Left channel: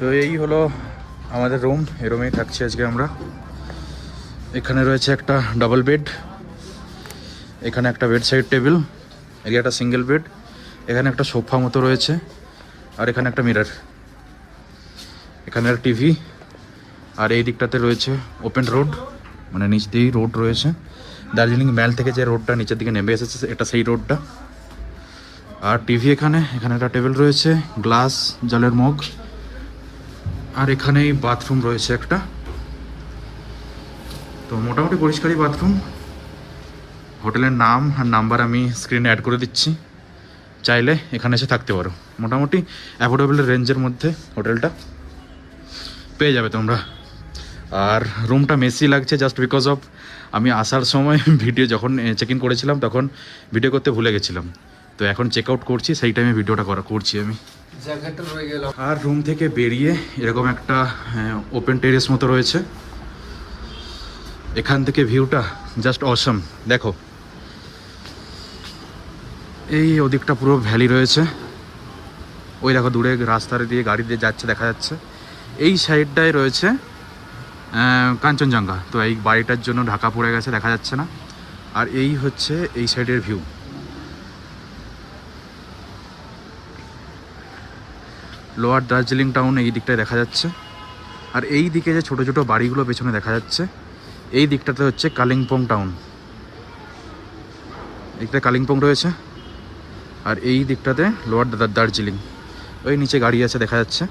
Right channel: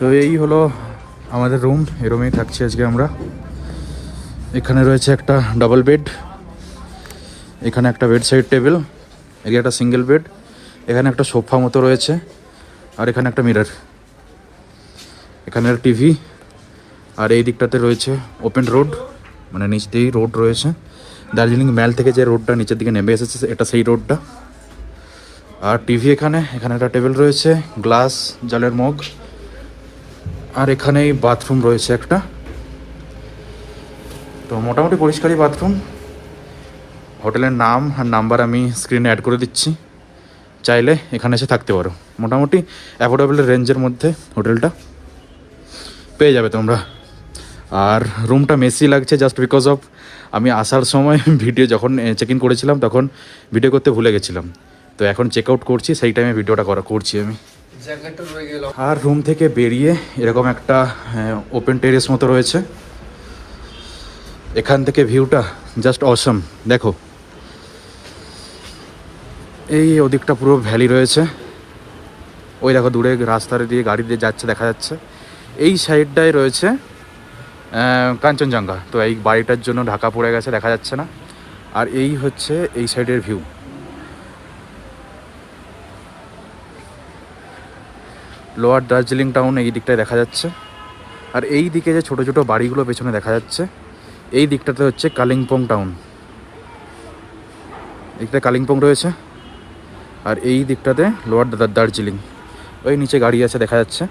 তো এই হলো আমাদের রুম, এই রুমেই থাকছি আজকে আমরা। এখানে রয়েছে একটা ডাবল বেড, এখানে একটা বেড সাইড টেবিল, এখানে একটা সিঙ্গেল বেড, এখানে একটা সোফা মতো রয়েছে, আর এখানে একটা মিরর, এখানে টিভি, আর এই দিকটাতে রয়েছে ওপেন রোড, মানে নিচ দিয়েই রোড রয়েছে। দার্জিলিং ম্যাল থেকে যে রোডটা নিচের দিকে নেমে এসেছে এটা সেই রোডটা। আর টিভি এখানে একটা টেবিল রয়েছে, গ্লাস, জলের মগ, আর এখানেই বাথরুম রয়েছে একটা। তো মোটামুটি পরিষ্কারই বাথরুম। হোটেলের নাম আর নাম্বার আমি স্ক্রিনে অ্যাড করে দিচ্ছি, চাইলে এখানে এসে থাকতে পারো। মোটামুটি অ্যাফোর্ডেবল রেঞ্জের মধ্যে হোটেলটা পেয়ে যাবে তোমরা। আর রুমটা মেসি লাগছে জাস্ট বিকজ অফ আমি আসার সময় ভিডিও যখন চেক ইন করেছিলাম তখন ভিডিও করতে ভুলে গেছিলাম, তো এখন চেক আউট করছি, সেই টাইমে ভিডিওটা করছি আমি। আর রুম থেকে বেরিয়ে এরকম একটা ওপেন টেরেস মতো রয়েছে, এখান থেকে ভিউটা জাস্ট অসম। দেখো এই ওদিকটা পুরো ভ্যালি রয়েছে, ওই দেখো দূরে রাস্তার দিয়ে গাড়ি দিয়ে যাচ্ছে দেখা যাচ্ছে। এই সাইডটায় রয়েছে কাঞ্চনজঙ্ঘা, তো এই বাড়িটার জন্য ঢাকা পড়ে গেছে, দেখা যাচ্ছে না। আর এই হচ্ছে এই সাইডের ভিউ। লোয়ার দার্জিলিং টাউন এই দিকটায় দেখা যাচ্ছে। আর এই দিকে যে ছোট ছোট বাড়িগুলো পেছনে দেখা যাচ্ছে, এই দিকটাতে হচ্ছে কালিম্পং টাউন, এইদিকটা কালিম্পং রয়েছে। আর এই দিকটাতে লোয়ার দার্জিলিং, ওই নিচে গাড়ি আছে দেখা যাচ্ছে।